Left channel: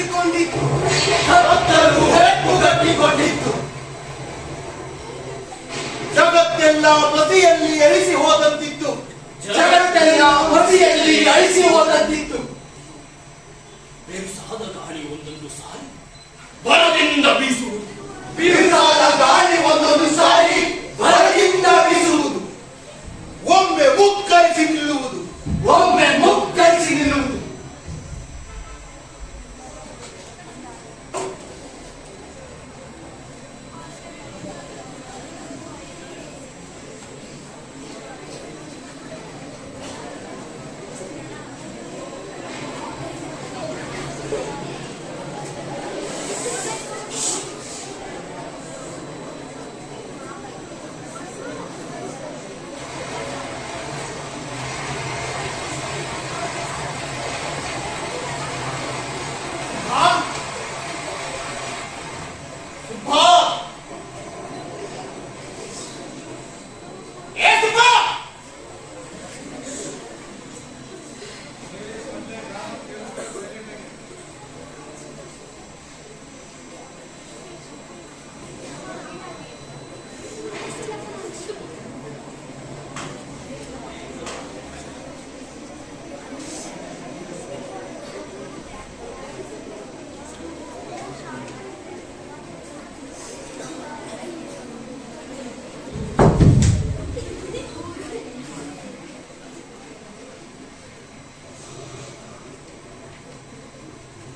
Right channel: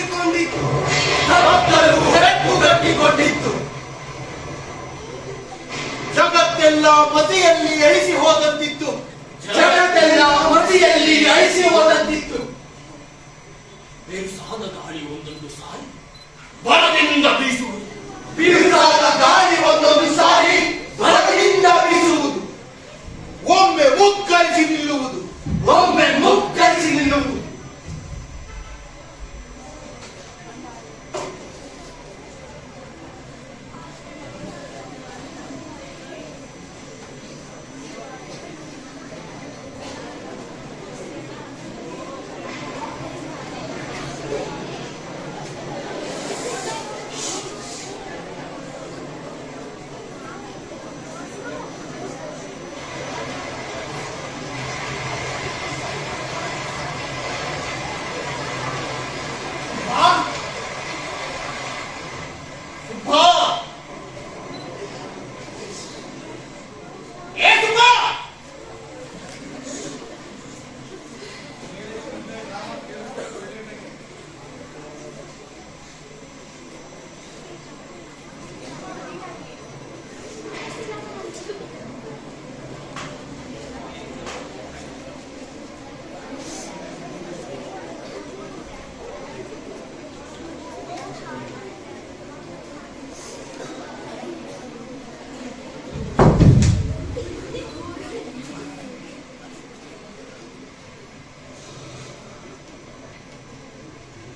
ಕಟ್ಟಿಕೊಂಡಿತ್ತು, ಕತ್ತಲು ಹೆಪ್ಪು ಕಟ್ಟಿಕೊಂಡಿತ್ತು. ಜಗತ್ತೆಲ್ಲ ಮತಿಯಲ್ಲಿ ಅಳಿಸಿ ಹೋದಂತಿತ್ತು, ಜಗತ್ತೆಲ್ಲ ಮತಿಯಲ್ಲಿ ಅಳಿಸಿ ಹೋದಂತಿತ್ತು. ಬಿರುಸಾದ ಗಾಳಿ ಒಂದೊಂದು ಸಾರಿ ಬರದಿಂದ ಬೀಸುವುದು, ಬಿರುಸಾದ ಗಾಳಿ ಒಂದೊಂದು ಸಾರಿ ಬರದಿಂದ ಬೀಸುವುದು. ಒಮ್ಮೆ ಮುಕ್ಕರಿಸಿ ನಿಲ್ಲುವುದು, ಒಮ್ಮೆ ಮುಕ್ಕರಿಸಿ ನಿಲ್ಲುವುದು.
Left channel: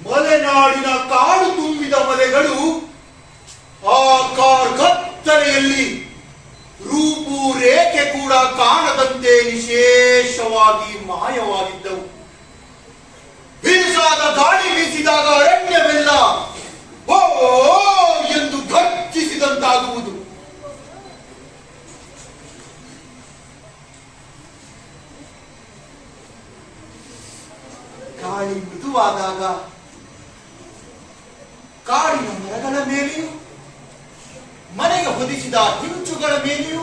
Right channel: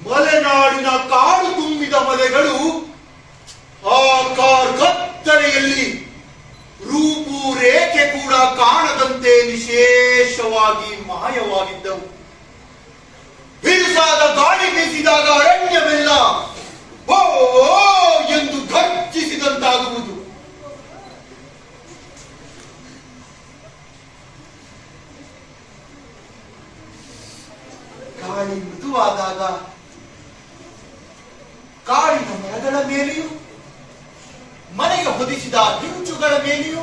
ಮಲೆನಾಡಿನ ಕಾಡು ತುಂಬಿದ ಮಲೆಗಳು ಆ ಕತ್ತಲೆಯಲ್ಲಿ ರೂಪುರೇಖೆ ಕೂಡ ಕಾಣದಂತೆ ನಿಶೇಷವಾಗಿ ಮಾಯವಾಗಿದ್ದವು. ಬಿರುಸಾದ ಗಾಳಿ ಬೀಸಿದಾಗ ಅರಣ್ಯವೆಲ್ಲ ಓ ಎಂದು ಘರ್ಜಿಸಿದಂತಾಗುವುದು. ಗಾಳಿ ಮೃದುವಾದಾಗ ಕಾಡಿನ ಮರಗಳ ಮೇಲೆಯೂ ಮನೆಗೆ ಹೊದಿಸಿದ ಹಿಂಚುಗಳ ಮೇಲೆಯೂ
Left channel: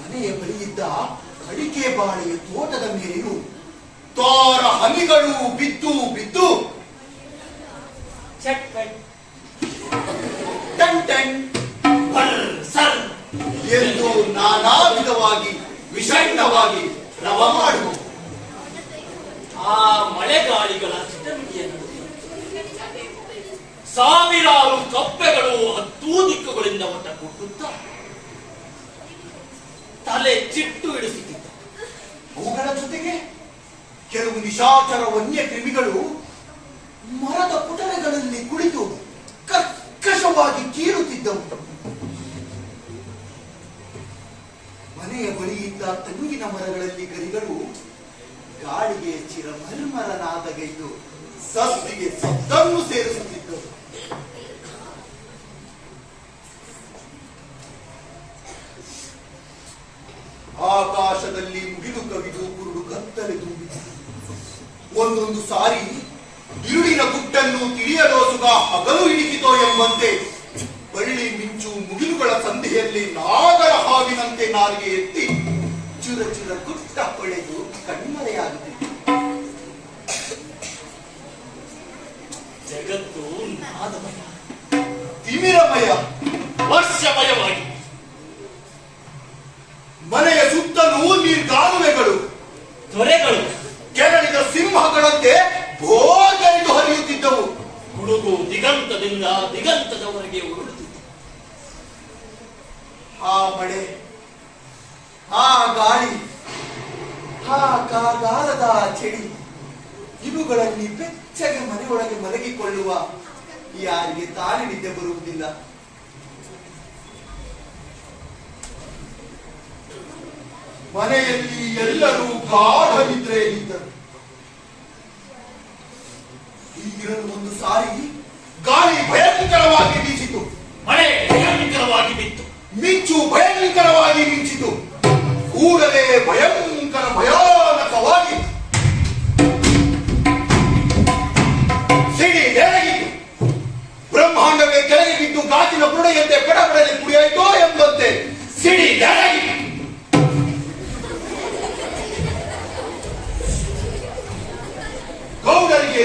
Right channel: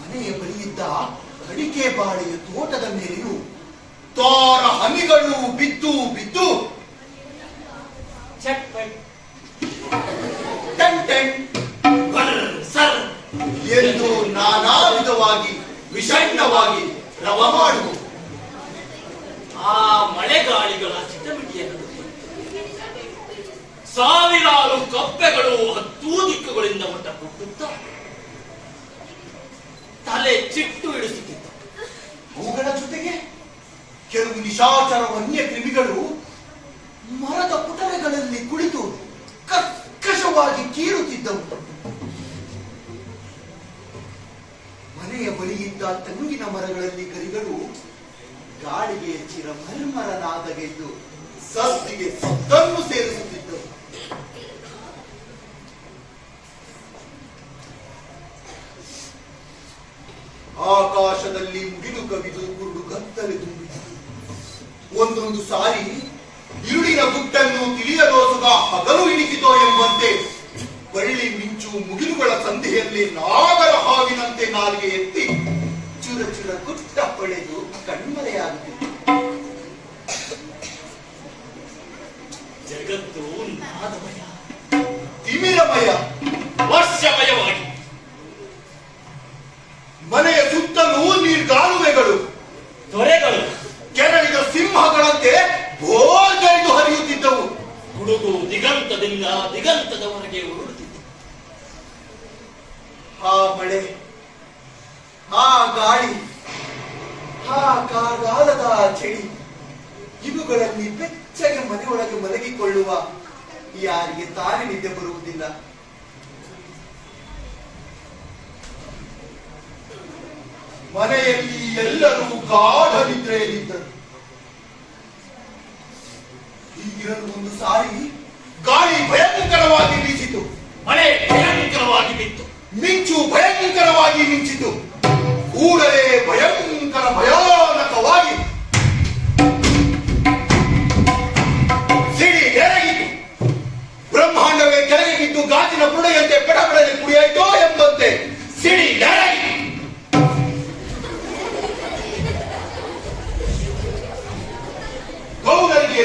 ಮನೆಯ ಬಳಿಯಿದ್ದ ಅಡಿಕೆ ಬಾಳೆಯ ತೋಟದ ಮೇಲೆಯೂ ತೋರ ಹನಿಗಳು ಬಿದ್ದು ಬಿದ್ದು ಟನ್ ಟನ್ ಸರ್ ಎಂದು ನಾನಾ ವಿಧವಾಗಿ ವಿಷಣ್ಣವಾಗಿ ರವ ಮಾಡುವುದು. ಆ ಮಳೆಗಾಳಿಗಳ ಚಿಟಮಿಟಿಯನ್ನು ಸಾವಿರಾರು ಕಪ್ಪೆಗಳು 10 ದಿಕ್ಕುಗಳಿಂದ ಒಟ್ಟ ಕೊಟ್ಟುತ್ತ ತಲೆ ಚಿಟ್ಟು ಇಳಿಸುತ್ತಿದ್ದ. ಅವುಗಳ ಜೊತೆಗೆ ಕೆಲವು ನಿಶಾಚರ ವನ್ಯ ಕ್ರಿಮಿಗಳು ಮರದ ಪುಟರೆಗಳಲ್ಲಿ ಕುಳಿತು ಕರ್ಕಶವಾಗಿ ಕೀಳುತ್ತಿದ್ದವು. ಮನೆಯ ಬಳಿಯಿದ್ದ ತೆಂಗಿನ ಮರಗಳಲ್ಲಿ ಗರಿಗಳು ಗಾಳಿಗೆ ಚಿರಮರ್ಮರನಾದಗೆದ್ದು ಸಸ್ತಿಗೆ ಸತ್ತನ್ನು ಸೇರಿಸುತ್ತಿದ್ದವು. ಆಕಾಶದಲ್ಲಿ ಮುಗಿಲು ಕವಿದು ಕುರುಡು ಕತ್ತಲೆ ತುಂಬಿತು. ಒಂದೊಂದು ಸಾರಿ ഇരുಳಿನ ಗುಟ್ಟನ್ನು ತಿಳಿಯಲೋಸುಗ ಹಗಲು ಇಣಿಸಿತೋ ಎಂಬಂತೆ ಬಳ್ಳಿ ಮಿಂಚು ಮುಗಿಲುಗಳ ಸಂಧಿಯಲ್ಲಿ ನಾಗರ ಹಾವಿನಂತೆ ನಾಲಿಗೆ ಎತ್ತಿ ಚುರ ಚುರ ಗುಟ್ಟ ಹೊಳೆದು ಕಣ್ಮರೆಯಾಗುತ್ತಿತ್ತು. ಜಗತ್ತು ನಾದಮಯ, ತಿಮಿರಮಯ, ವರ್ಷಮಯವಾಗಿ ಮನೆಯ ಸುತ್ತಲೂ ನೀರ್ಗಾಲುವೆಗಳು, ತೊರೆಗಳು ಕೆರಳಿದ ಸಿಂಹಗಳಂತೆ ಬೋರ್ಗರಿದು ಹರಿಯುತ್ತಿದ್ದವು. ಹುಡುಗು ದಿಗಂತದಿಂದ ದಿಗಂತದವರೆಗೆ ಉರುಳುತ್ತಿತ್ತು. ಆ ಮಳೆ, ಆ ಗಾಳಿ, ಆ ಕಾಗಾಲದ ಚಳಿ, ಇವುಗಳಲ್ಲಿ ಬೆಚ್ಚಗೆ ಮನೆಯೊಳಗೆ ಮಲಗಿಕೊಳ್ಳುವ ಯಾರಿಗೆ ತಾನೇ ನಿದ್ದೆ ಬರುವುದಿಲ್ಲ. ಮನೆಯಲ್ಲಿ ಎಲ್ಲರೂ ಗಾಢ ನಿದ್ರೆಯಲ್ಲಿದ್ದರು. ಈಗಿರಲು ಒಂದು ಸಾರಿ ಗಾಳಿ ಭಯಂಕರವಾಗಿ ಬೀಸಿತು, ಮಳೆ ಭಯಂಕರವಾಗಿ ಬಿತ್ತು, ಮಿಂಚು ಭಯಂಕರವಾಗಿ ಮಿಂಚಿತು. ಕೂಡಲೇ ಭಯಂಕರ ಭಯಾನಕವಾಗಿ ಸಿಡಿ ಎರಗಿತು. ಬ್ರಹ್ಮಾಂಡವೇ ಕೆಳಗೆ ಬಿದ್ದು ಗಾಜಿನ ಬುಡೆಯಂತೆ ಪಡಪಡನೆ ಕುಡಿಯಾಯ್ತೋ ಎಂಬಂತೆ ಸಿಡಿ ಎರಗಿತು. ಗೌಡರಿಗೆ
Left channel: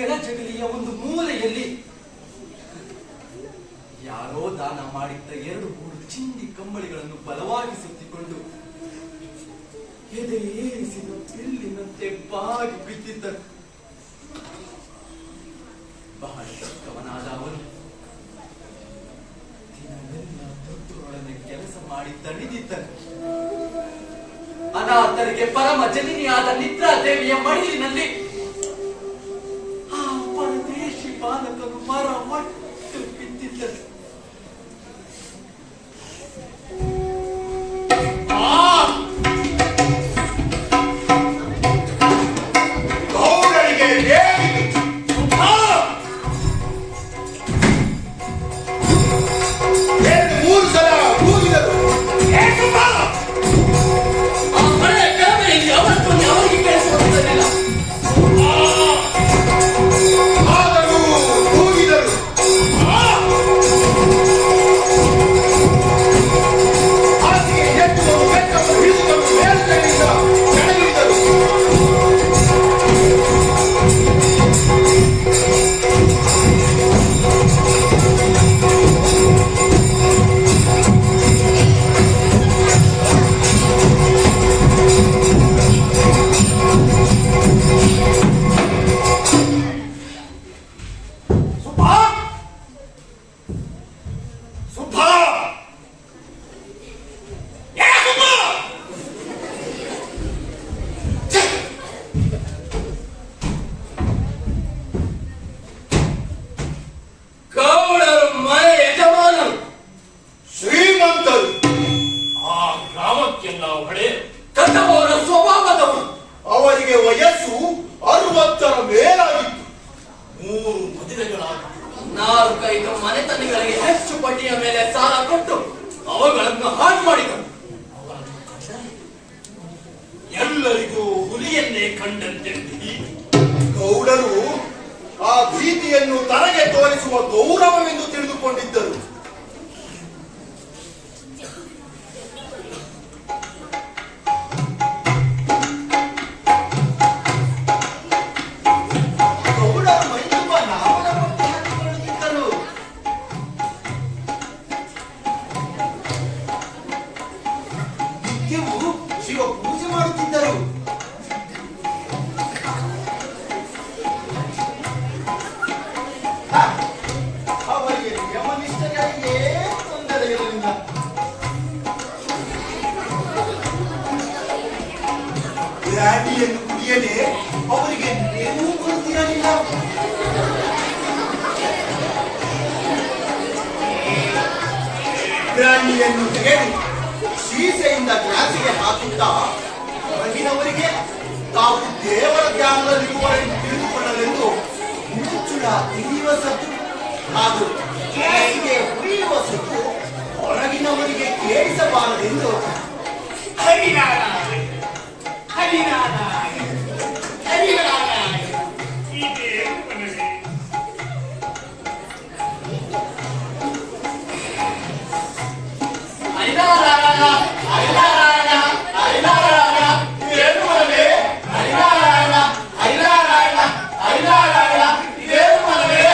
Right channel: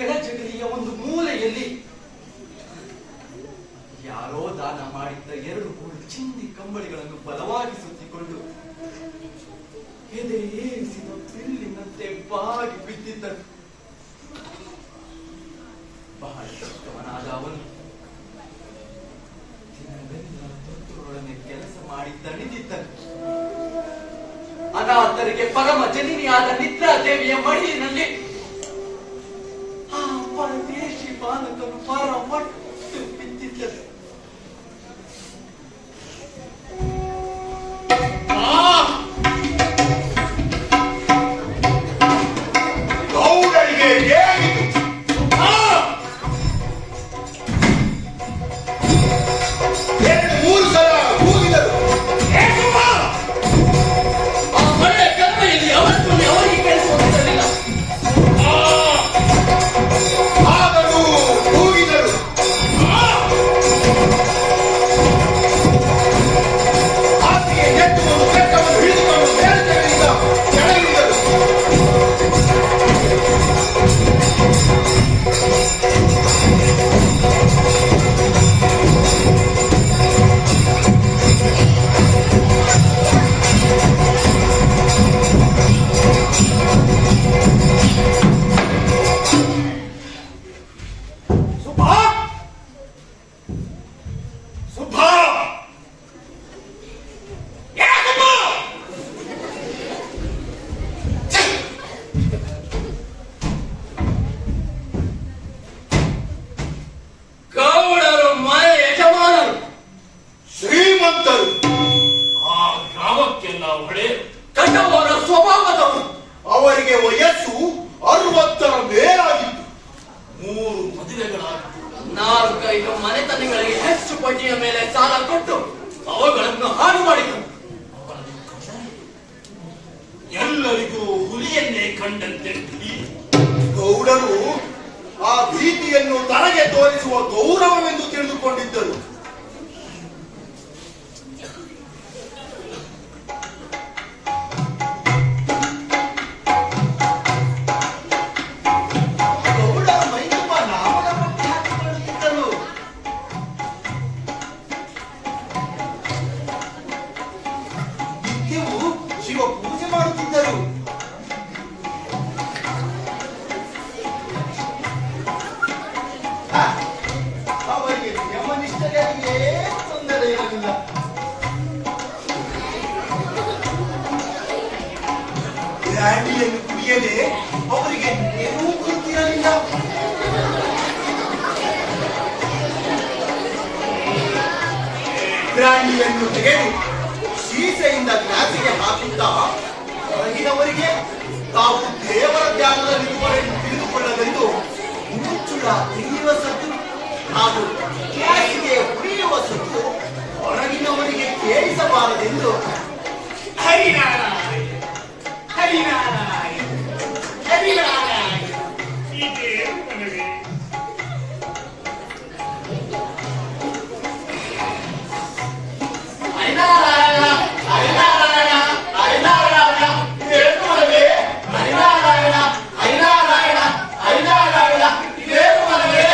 ಕೆಳಜಗಲಿಯ ಒಂದು ಮೂಲೆಯಲ್ಲಿ ಯಾರೋ ದಾನ ಮಾಡಿದ್ದ 2 ಗೂಡು ಚಿಂದಿ ಕಂಬಳಿಗಳನ್ನು ಬಲವಾಗಿ ಸುತ್ತಿಕೊಂಡು ಎದೆ ಏರಿಸಿದ ಬಿಲ್ಲಿನಂತೆ ಬಾಗಿ ಬಿದ್ದಿದ್ದರು. ಬಹಳ ಚಿಕ್ಕವನಾದ ಅವನು ದಿನವೆಲ್ಲ ದೊಡ್ಡರೊಡನೆ ಕೆಲಸ ಮಾಡಿ ತಣಿದಿದ್ದನು. ಅನಾಥರಿಗೆ ಪರಮ ಜನನಿಯಾದ ನಿದ್ರಾ ದೇವಿಯ ಮಡಿಲಿನಲ್ಲಿ ಆ ಪರದೇಶಿ ಬಾಲಕನು ಮರಮಟ್ಟು ಬಿದ್ದಿದ್ದನು. ಗೌಡರಿಗೆ ಏನಿದು? ಎರಡು ಮೂರು ಸಲ ಕೂಗಿದರು. ಆ ಮನೆಯ ಕಡಿಮೆಯಲ್ಲಿ ಅವರನ್ನು ಅವರಿಗೆ ಕೇಳಿಸುತ್ತಿರಲಿಲ್ಲ. ಆದರೂ ಕೂಗಿದರು. ಹಾಸಿಗೆ ನೆಟ್ಟು ಒಂದು ಬೆಟ್ಟವನ್ನು ಹಿಡಿದುಕೊಂಡು ಮೇಲ್ಕಡೆಯಿಂದ ಕೆಳಗಿಳಿದರು. ಸುಬ್ಬಾ! ಸುಬ್ಬಾ! ಏ ಸುಬ್ಬಾ! ಛೆ! ಗೌಡರು ಮನೆ ಯಜಮಾನರು, ಶ್ರೀಮಂತರು, ಆ ಗ್ರಾಮಕ್ಕೆಲ್ಲ ಒಡೆಯರು, ಕಟ್ಟವರ ಸ್ವಭಾವದವರು. ಅವರಿಗೆ ವಯಸ್ಸು 60ರ ಮೇಲಾಗಿತ್ತು. 3 ಮದುವೆಗಳಾಗಿತ್ತು. 4-5 ಮನೆತನಗಳಿಗೆ ಹೆಚ್ಚು ಬಡ್ಡಿಯ ಮೇಲೆ ಸಾಲ ಕೊಟ್ಟು ಅವುಗಳನ್ನು ಹಾಳು ಮಾಡಿದರು. ಎಲ್ಲರಿಗೂ ಹುಲಿಯನ್ನೇ ಕಂಡಂತೆ ಗೌಡರು ಆ ಭೀತಿಯನ್ನು ತನಗೆ ತೋರಿಸುವ ಗೌರವವೆಂದು ತಿಳಿದುಕೊಂಡಿದ್ದರು. ಗೌಡರು ಮೈತುಂಬ ನಾಮದ ಪಟ್ಟಿ ಹಾಕಿಕೊಳ್ಳುತ್ತಿದ್ದರು. ನಿತ್ಯವೂ ಶಿವ ಪೂಜೆ ಮಾಡುತ್ತಿದ್ದರು. ಹ, ಅವರಿಗೆ ಯಮನಿಷ್ಠರಿಗೆ ತೊಂದರೆ ಇರಲಿಲ್ಲ. ಬ್ರ್ಯಾಂಡಿಯನ್ನು ಕುಡಿಯದೆ ಅವರಿಗೆ ಏನೂ ಗೊತ್ತಿರಲಿಲ್ಲ. ಬ್ರ್ಯಾಂಡಿಯನ್ನು ತೆಗೆದು ಶೀಸೆಯಿಂದ ಗ್ಲಾಸಿಗೆ ಹಾಕುತ್ತಾ ಹೊರಗಿನವರಿಗೆ ತಾವು ದೇವರ ಧ್ಯಾನದಲ್ಲಿರುವರೆಂದು ತಿಳಿದುಕೊಳ್ಳಲೆಂದು ಮುಚ್ಚುಳ ತಿಳಿಯುವ ಸದ್ದು ಹಾಗೂ ಗ್ಲಾಸಿಗೆ ಹುರಿಯುವ ಸದ್ದು ಹೊರಗಿನವರಿಗೆ ಕೇಳಿಸಬಾರದೆಂದು ಹರಿನಾರಾಯಣ ಹರಿನಾರಾಯಣ ಹರಿನಾರಾಯಣ ಇದೇನು ಮನವೇ? ಹರಿನಾರಾಯಣ ಹರಿನಾರಾಯಣ ಹರಿನಾರಾಯಣ ಏನು ಮನವೇ? ಹರಿನಾರಾಯಣ ಹರಿನಾರಾಯಣ ಹರಿನಾರಾಯಣ ಇದೇನು ಮನವೇ?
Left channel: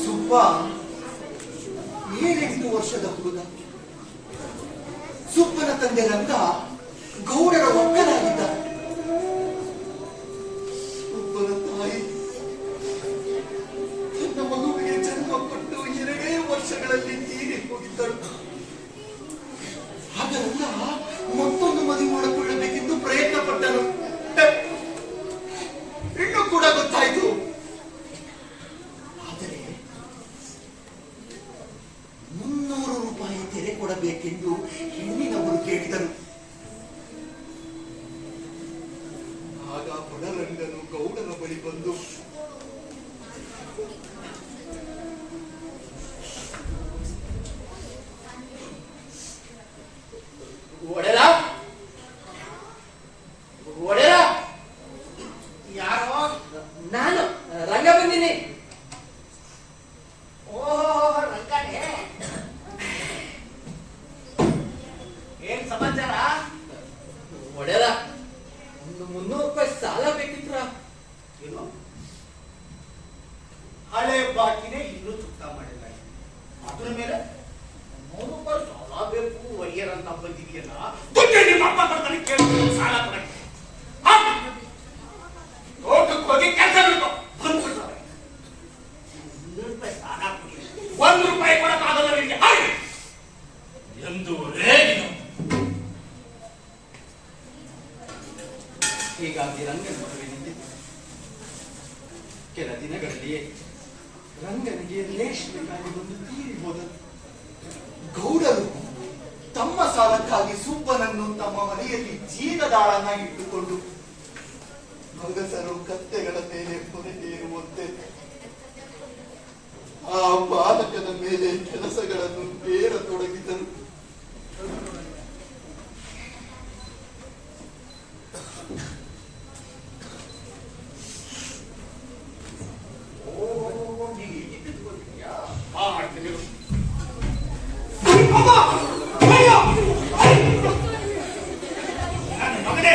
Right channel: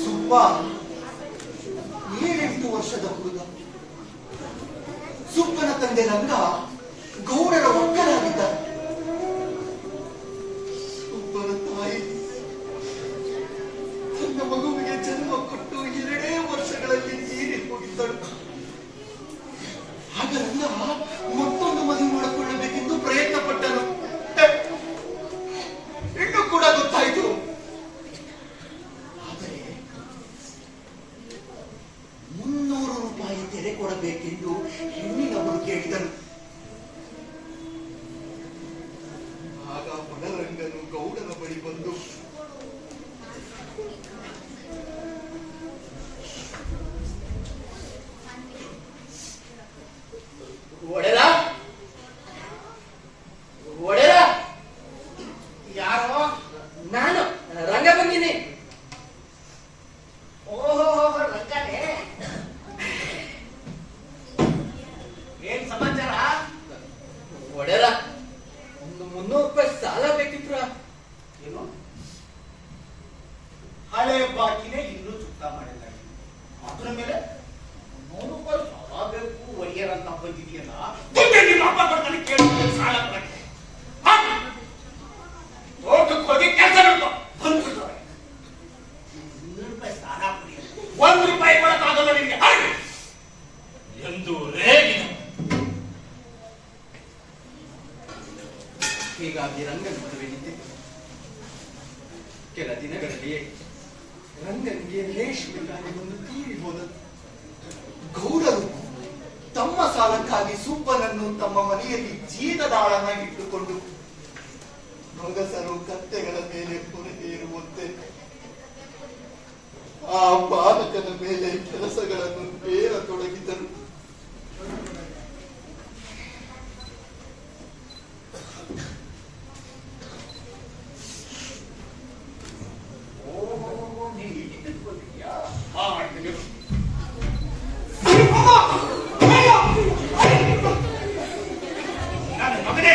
ಸುಬ್ಬ 7-8 ವರ್ಷದ ಹುಡುಗ. ಸುಬ್ಬನ ತಂದೆ ರಂಗ ಗೌಡರ ಒಕ್ಕಲಾಗಿದ್ದ. ಬಲರಂಗನು ಗೌಡನ ಬಳಿ ಬಂದು ಒಡೆರ ಒಡೆರ ಯಾರೋ? ನಾನು ರಂಗ ಬಂದಿನಿ. ಓಹೋ ರಂಗನೇ, ಏನ್ ಸಮಾಚಾರ? ಒಡೆರ ಒಂದು 300 ರೂಪಾಯಿ ಸಾಲ ಬೇಕಿತ್ರ. ಏನು? ಹಳೆ ಬಾಕಿನೇ ಇನ್ನೂ ಚುಕ್ತಾ ಮಾಡಿಲ್ಲ. ಅದ್ರ ಮೇಲೆ 300 ರೂಪಾಯಿ ಸಾಲ ಬೇಕು ಒಯ್ಯರಂತ ಬಂದಿದೆಯಲ್ಲ, ನಿಮ್ಮ ಅಪ್ಪ ಬರ್ತಾನೆ ಕೇಳೋದು ಸಾಲ ಕೊಡಕ್ಕೆ. ತೋಟಕ್ಕೆ ಹೋಗಿ ಕೆಲಸ ನೋಡ್ಕೊ ಬಂದ್ಬಿಡ್ತಾರೆ. 200 ರೂಪಾಯಿ ಸಾಲ ಕೊಡಿ, 1 ರೂಪಾಯಿ ಕೊಡಕ್ಕಾಗಲ್ಲ ನಿಮಗೆ ಎಂದು ರೇಗಿನ. ಹೀಗಾಗಿ ರಂಗನ ಮದುವೆ ನಿಂತಿತು. ಕೆಲ ದಿನಗಳಲ್ಲಿಯೇ ರಂಗನಿಗೆ ರೇಷ್ಮೆಗಾಗಿ ಒಂದು ತೀರಿ ಹೋದನು. ಗೌಡರು ತಮ್ಮ ಸಾಲಕ್ಕಾಗಿ ಸುಬ್ಬನನ್ನು ತಮ್ಮ ಮನೆಯಲ್ಲಿ ಜೀವದಾಳನಾಗಿಟ್ಟುಕೊಂಡು ಮಗಸರು ಕತ್ತೆಗಳ ಮೇಲೆ ಹೊರಟೇರುವಂತೆ ಆ ಬಾಲಕನ ಮೇಲೆ ಕೆಲಸಗಳನ್ನು ಬೇರತೊಡಗಿದರು. ನೀನು ಹೀಗೆ ತಿಳ್ಕೊಂಡಿದ್ಯಾ? ನನ್ನ ಮಗನೇ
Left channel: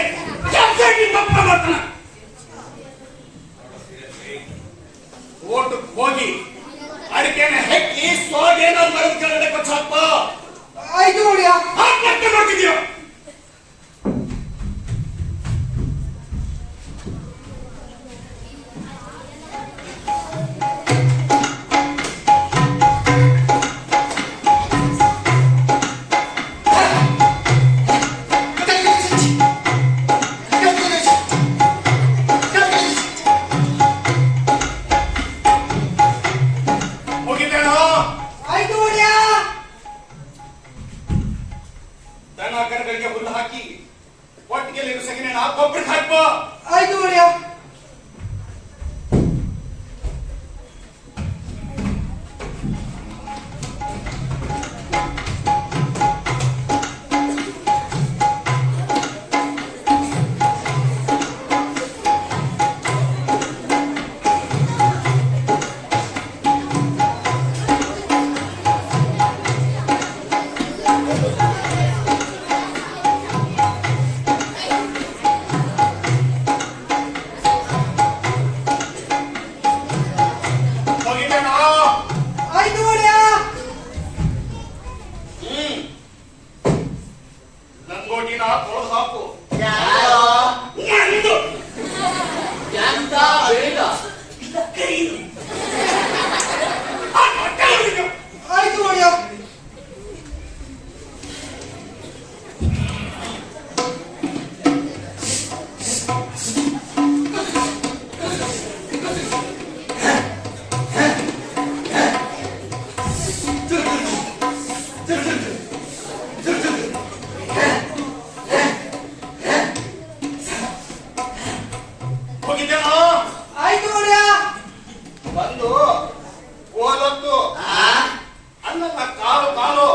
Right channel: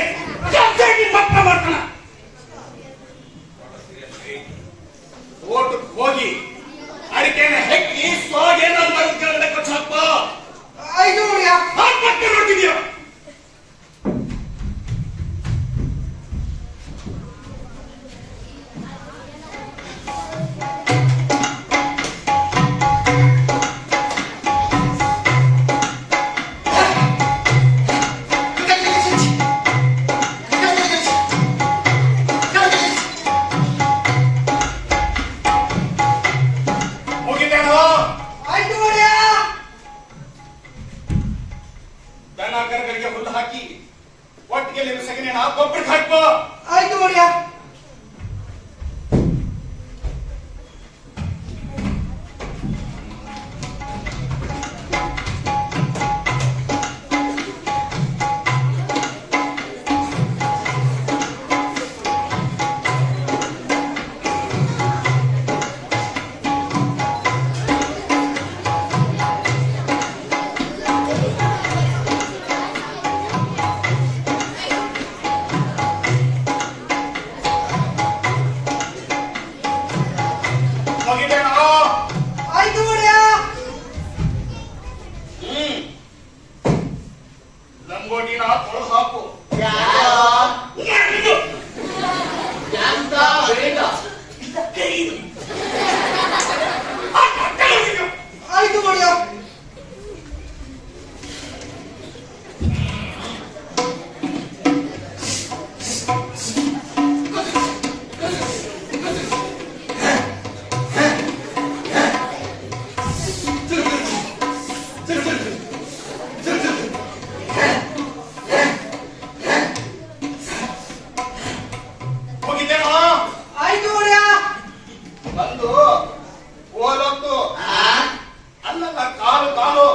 ತಪ್ಪ ಮಾಡ್ತಾನ. ತೋಟಕ್ಕೆ ಹೋಗಿ ಅಡಿಕೆನ ಹೆಕ್ಕಿ ಸೋಗೇನೋ ಮರದ ಕೆಳಗಡೆ ಕೊಚ್ಚಾಕ ನೋಡ್ತಿದ್ಯಾ? ದನಕರುಗಳಿಗೆ ಹುಲ್ಲು ಹಾಕಿ ಒಟ್ಟಿಗೆ ಸಗಣಿ ಗೊಬ್ಬರಕ್ಕೆ ಹಾಕ್ಬೋ. ಆಯ್ತು ಒಡೆಯ. ಲಂಗೋಟಿನ ತೊಳೆದು ಹಾಕು. ಬೇಡ ಆಯ್ತು ಒಡೆಯ. ಹೋಗಿದ್ದೇನೋ? ಆಯ್ತು ಒಡೆಯ. ಬಂದು ಓಲೊತ್ತು ಅನ್ನಲ್ಲ ಕಾಲು ಕಾಲು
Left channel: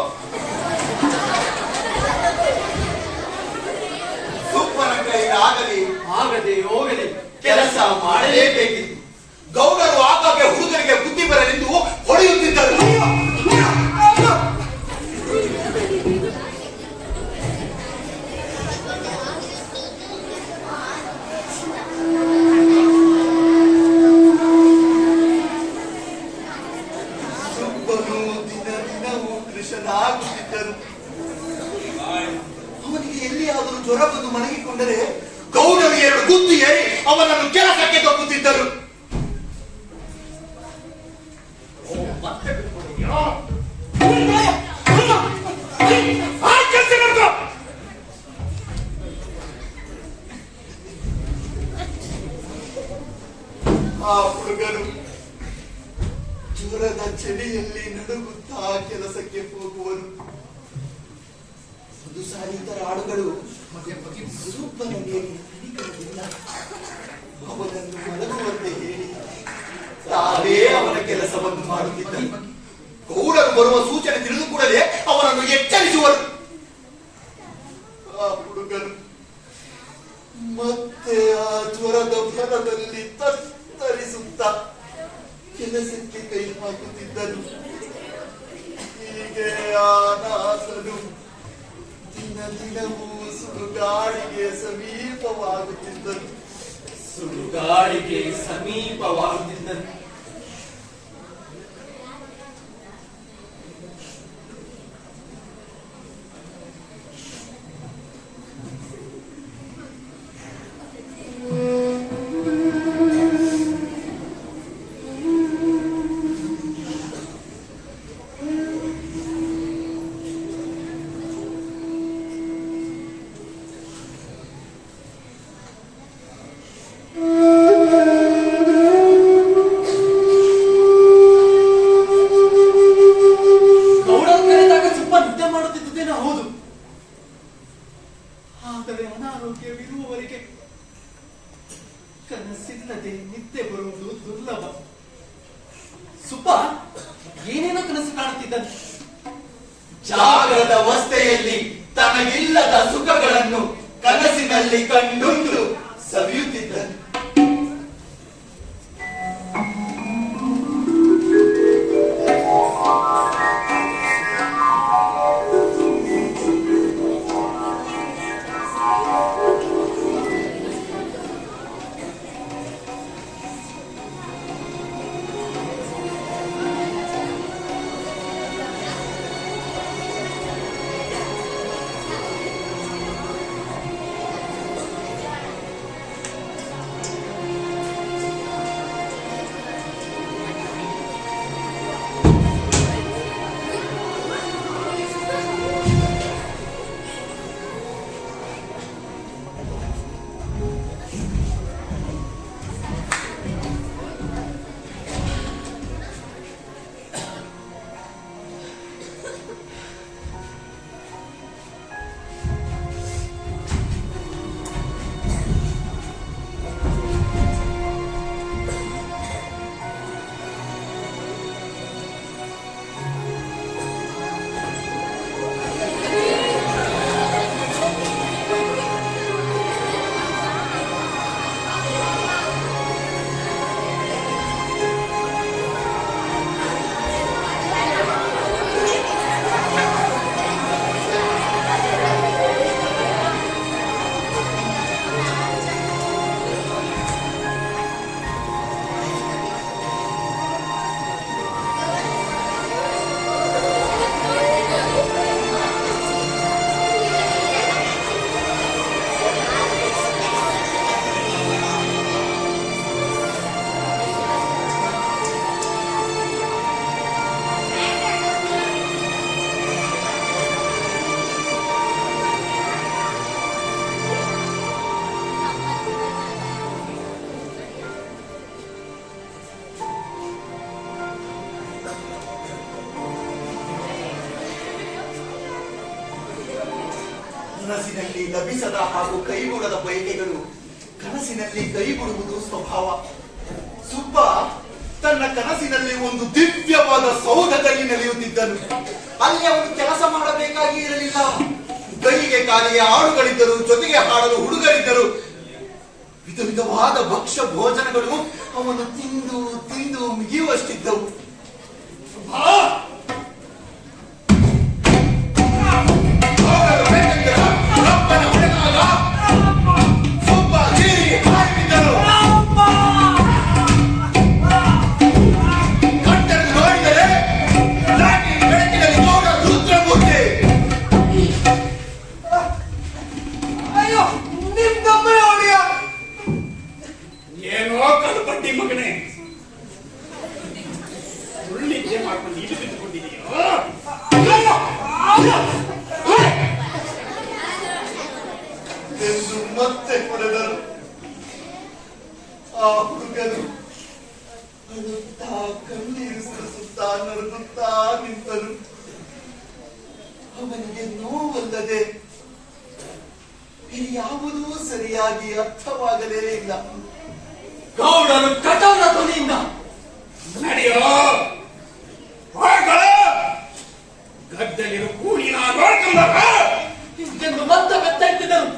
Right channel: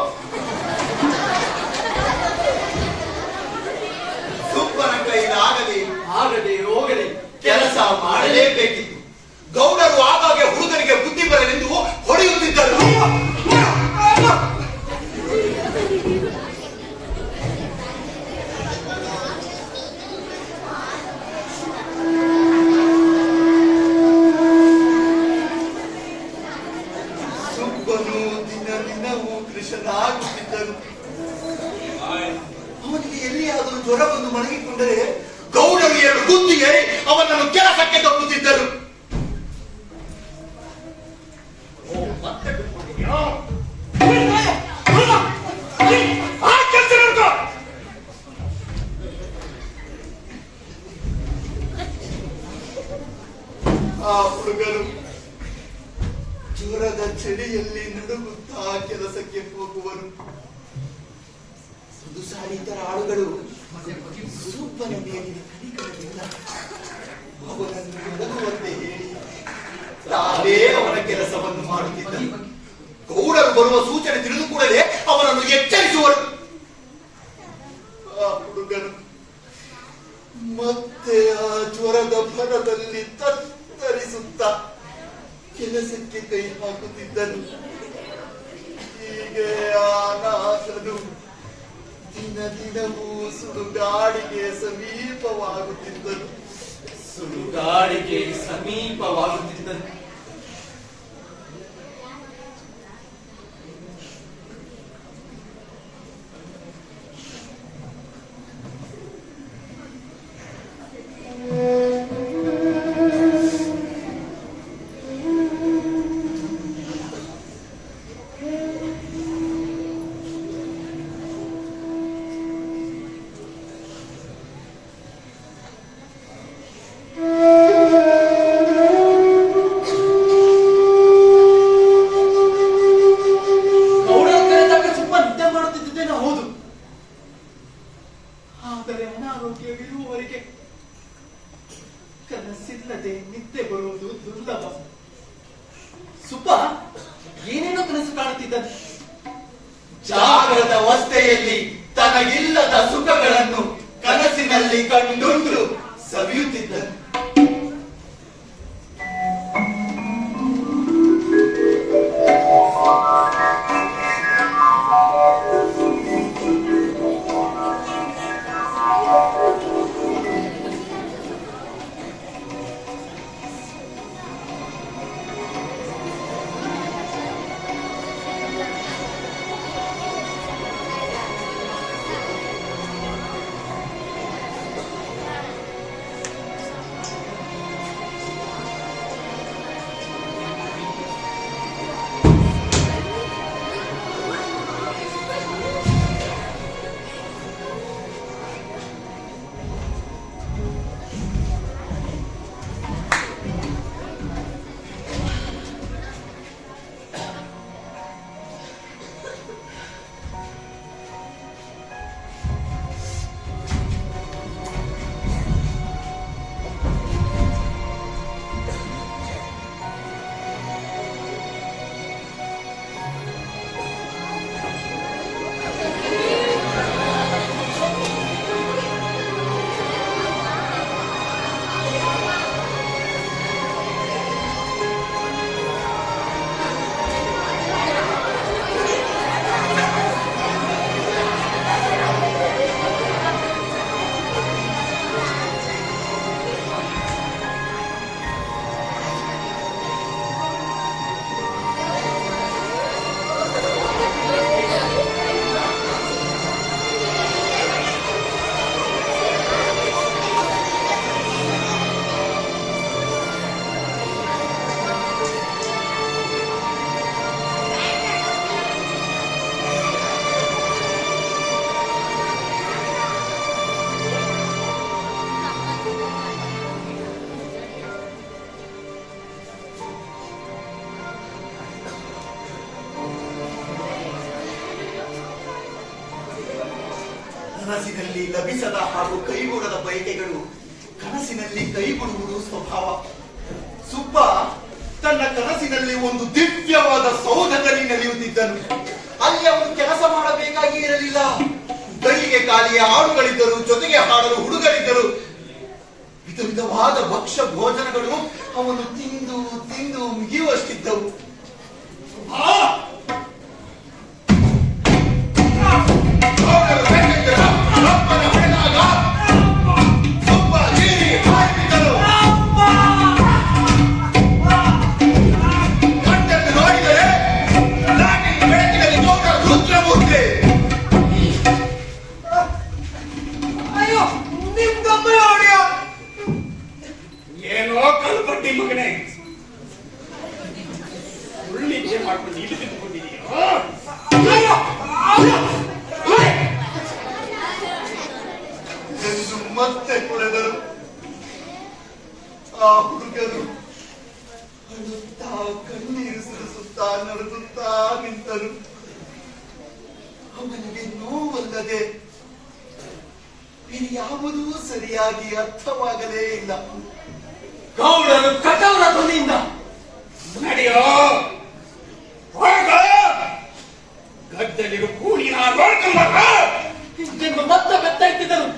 ಸುಬ್ಬನ ಕೈಲಾಗಲಿ ಆಗದೆ ಹೋಗಲಿ ಕೆಲಸ ಮಾಡಲೇಬೇಕಿತ್ತು. ಗೌಡರು ಆವಾಗ ಹುಡುಗರಿಗೆ ಬುದ್ಧಿ ಬರಲೆಂದು ಹೊಡೆಯುತ್ತಿದ್ದರು. ಸುಬ್ಬನು ದಿನ ದಿನವೂ ಕೃಷನಾಗುತ್ತಿದ್ದರು. ಅವನಿಗೆ ಎಲ್ಲಿಯಾದರೂ ಜ್ವರ ಬಂದು ಮಲಗಿಕೊಂಡರೆ ಗೌಡರು 2 ಗುದ್ದು ಏರಿ ಅವನನ್ನು ಕೆಲಸಕ್ಕೆ ತಪ್ಪುತ್ತಿದ್ದರು. ಮತ್ತೆ ಬಿಟ್ಕೊಂಡಿದ್ಯಾ? ಆ ಕೆಲಸ ನೋಡ್ಕೊ. ಆ ಹುಡುಗರು ಜ್ವರದ ಚಳಿಯಲ್ಲಿ ನಡುಗುತ್ತಾ ಕೆಲಸಕ್ಕೆ ಹೋಗುವರು. ಒಂದು ಸಾರಿ ಇತರ ಆಳುಗಳು ಸುಬ್ಬನ ಮೇಲೆ ಕನಿಕರದಿಂದ ಅವನನ್ನು ಮಲಗುವಂತೆ ಹೇಳಿ ತಾವೇ ಅವನ ಕೆಲಸವನ್ನು ಮಾಡುತ್ತಿದ್ದರು. ಗೌಡರು ಬರುವ ಸೂಚನೆ ತಿಳಿದು ಕೂಡಲೇ ಅವನನ್ನು ಎಚ್ಚರಿಸುವರು. ಆ ಹುಡುಗರು ಮತ್ತೆ ಆ ಜ್ವರದ ಭರದಲ್ಲಿ ತತ್ತರಿಸುತ್ತ ಕೆಲಸಕ್ಕೆ ಕೈ ಹಾಕುತ್ತಿದ್ದನು. ಹೀಗೆ ಆ ನಾಸನು ದಿನ ದಿನವೂ ಸುಡುಗಾಡಿಗೆ ಸಮೀಪವಾಗುತ್ತಿದ್ದನು. ಸುಡುಗಾಡಿಗೆ ಸಮೀಪವಾಗುತ್ತಿದ್ದನು. ಹೌದು, ಆದರೆ ಅನಾರೋಗ್ಯವಿರುವವರೆಗೆ ಕನಸಿಲ್ಲದೆ ನಿದ್ದೆ ಬರುವುದು ದುರ್ಲಭ. ಸುಬ್ಬ ಏನೇನೋ ಕನಸು ಕಾಣುತ್ತಿದ್ದನು. ಜಾಗೃತ ಅವಸ್ಥೆಯಲ್ಲಿ ತನಗಿಲ್ಲದ ಸುಖಗಳನ್ನು ಕನಸಿನಲ್ಲಿ ಕಂಡುಂಡು ಸವಿಯುತ್ತಿದ್ದನು. ಕನಸಿನಲ್ಲಿ ಲಭಿಸದ ಹಾಗೂ ಕೈಗೂಡದ ಬಯಕೆಗಳು ಕನಸಿನಲ್ಲಿ ಕೈಗೂಡುವುದು ಸ್ವಭಾವ. ಸುಬ್ಬ ತನ್ನ ಕನಸಿನಲ್ಲಿ ಒಂದು ದಿವ್ಯವಾದ ಸೌಧದಲ್ಲಿ ನಡೆಯುತ್ತಿದ್ದನು. ಅಲ್ಲಿ ಅವನು ಕೆಲಸ ಮಾಡಬೇಕಾಗಿ ಇರಲಿಲ್ಲ. ಕೈಗೆ ಕಾಲಿಗೆ ಆಡುಗಳಿದ್ದರು, ಜೊತೆಗೆ ಹಾಡಲು ಹುಡುಗರಿದ್ದರು. ವಿಧ ವಿಧವಾದ ಭಕ್ಷ್ಯ ಭೋಜನಗಳು ಅವನು ತಿಂದು ತಿಂದು ಮುಗಿಯುವಷ್ಟಿದ್ದವು. ಏನೋ ಕಲ್ಪಟ್ಟಿ ಮಗನೇ, ಉಳ್ಳಿದ್ದೆ ಮಾಡ್ಕೊಂಡು ಇಲ್ಲಿ ತಿಳ್ಕೊಂಡಿದೀಯೋ? ಎಂದು ಮತ್ತೆ ಹೊಡೆದರು. ಆ ಹುಡುಗನು ಅಳುತ್ತಾ ಕಣ್ಣೀರು ಸುರಿಸುತ್ತಾ ನಡೆದುತ್ತಾ ನಿಂತನು. ಅವನಿಗೆ ನೋವಲ್ಲದೆ ಯಾವುದೂ ಸರಿಯಾಗಿ ಅರ್ಥವಾಗಲೇ ಇಲ್ಲ. ಗೌಡರು ಕಠೋರ ಧ್ವನಿಯಿಂದ ನಡೆಯೋ ಹೊರಗಳ ಗದ್ದೆಗಿರು ಕೂಲಿನ ನೋಡ್ಕೊಂಬ ಎಂದು ಮತ್ತೆ ಬೆತ್ತೈತಿದ್ದರು.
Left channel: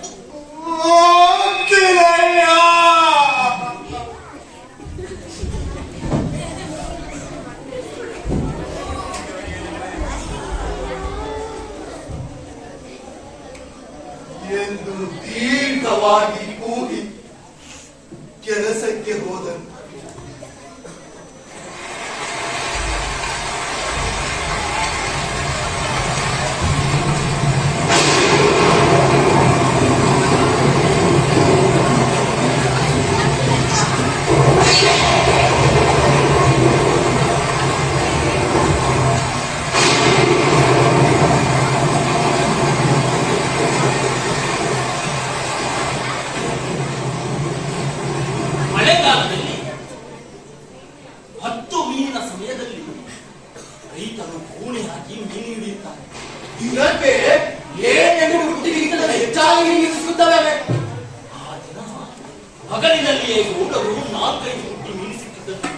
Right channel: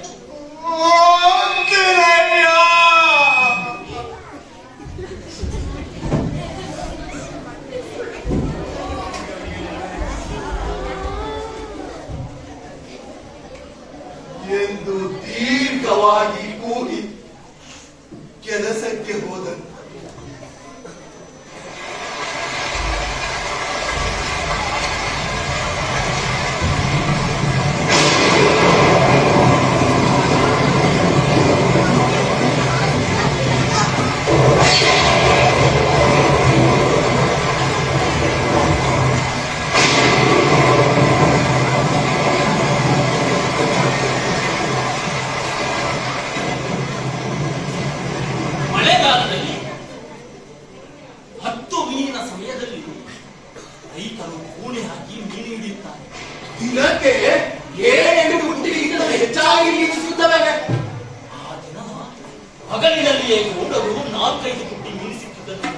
ಎಂದು ದೀರ್ಘವಾಗಿ ಕೂಗಿ ಕೆಲಸಕ್ಕೆ ಹೋದನು. ಮಳೆಗಾಲದಲ್ಲಿ 10 ಮೀನಿನ ಸಮಯದಲ್ಲಿ ರೈತರು ಕೂಣೆ ಹಾಕಿ ಮೀನು ಹಿಡಿಯುತ್ತಾರೆ. ದಿನಕ್ಕೆ 7 ಬುಟ್ಟಿಗಿಂತ ಹೆಚ್ಚಾಗಿ ಮೀನು ಸಿಗುತ್ತವೆ. ಆ ದಿನ ಹಗಲಿನಲ್ಲಿಯೇ ಗೌಡರು 4-5 ಬುಟ್ಟಿ ಮೀನು ಸಿಕ್ಕುತ್ತದೆ.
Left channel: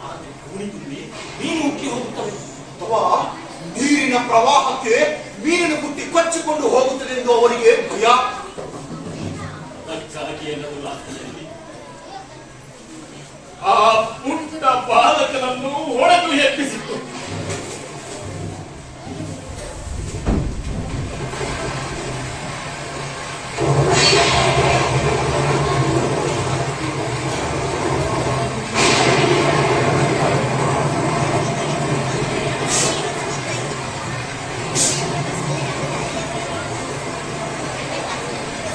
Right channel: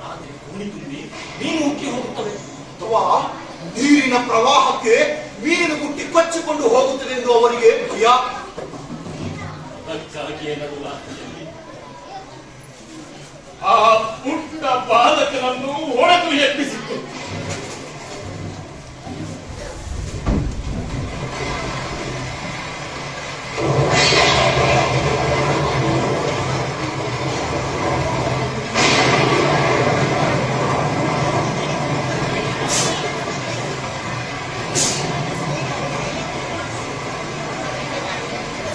ರಾತ್ರಿ ಕೂಣಿ ತುಂಬಿ ಮೀನು ಉಕ್ಕಿ ಹೋಗುತ್ತವೆ. ಅಥವಾ ನೀರಿನ ಪ್ರವಾಹಕ್ಕೆ ಮೀನು ಬುಟ್ಟಿ ಕೊಚ್ಚಿಕೊಂಡು ಹೋಗುತ್ತದೆ ಎಂದು ಅವರಿಗೆ ಭಯ. ಅದಕ್ಕಾಗಿಯೇ ನಡುರಾತ್ರಿಯಲ್ಲಿ ಆ ಪುಟ್ಟ ಬಾಲಕನನ್ನು ಹೊಡೆದು ಎಬ್ಬಿಸಿತ್ತು.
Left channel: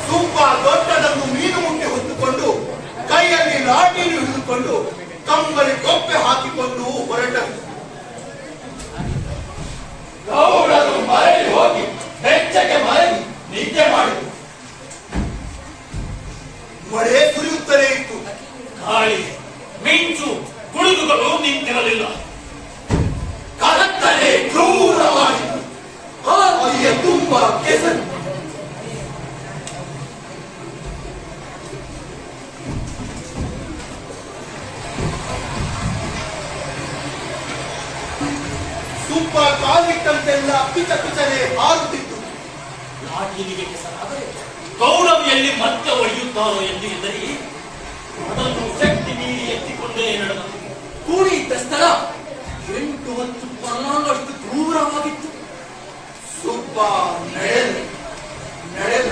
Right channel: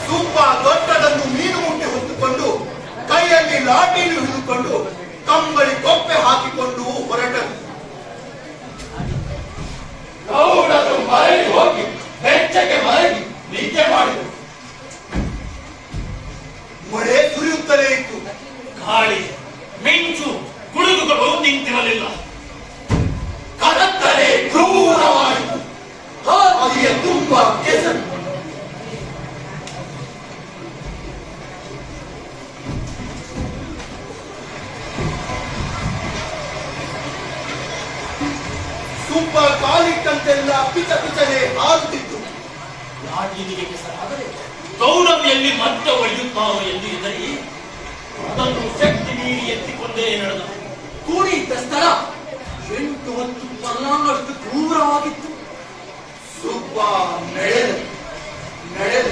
ತುಂಬಾ ದೊಡ್ಡದನ್ನು ಮೀನು ಮುಟ್ಟಿ ಹೊತ್ತುಕೊಂಡು ಕೈಯಲ್ಲಿ ಲಾಠಿಯನ್ನು ಹಿಡಿದುಕೊಂಡು ಕಂಬಳಿ ಕೊಪ್ಪೆ ಹಾಕಿಕೊಂಡು ಹೊರಟರು. ಗೌಡರು ಮರಳಿ ಹೋಗಿ ಬೆಚ್ಚಗೆ ಮಲಗಿ ನಿದ್ದೆ ಮಾಡಿದರು. ಮಳೆ ಸುರಿಯುತ್ತಲೇ ಇತ್ತು. ಗಾಳಿ, ಮಿಂಚು, ಗುಡುಗುಗಳು ನಿಂತಿರಲಿಲ್ಲ. ಕತ್ತಲೆ ಕ್ರೂರವಾಯಿತು. ಹಾಗೆಯೇ ತುಂಬಾ ಕೆಸರು. ತುಂಬ ಕಾಲಿಟ್ಟಂತೆಲ್ಲ ಪಿಚನೆ ಹಾರುತ್ತಿತ್ತು. ಲಾಠಿಗೆ ಕೆಸರಾದರೆ ಗೌರವ್ ಎಲ್ಲಿ ಮತ್ತೆ ಒಯ್ಯುತ್ತಾರೋ ಎಂದು ಹೆದರಿ ಅದನ್ನು ಶಕ್ತಿ ಮೀರಿ ಎತ್ತಿಕೊಂಡೇ ನಡೆದ. ಕೂಡಿ ಇದ್ದ ಸ್ಥಳ 8-10 ಪರ್ಲಾಂಗಷ್ಟು ದೂರವಾಗಿತ್ತು. ಸುಬ್ಬ ನಡೆದ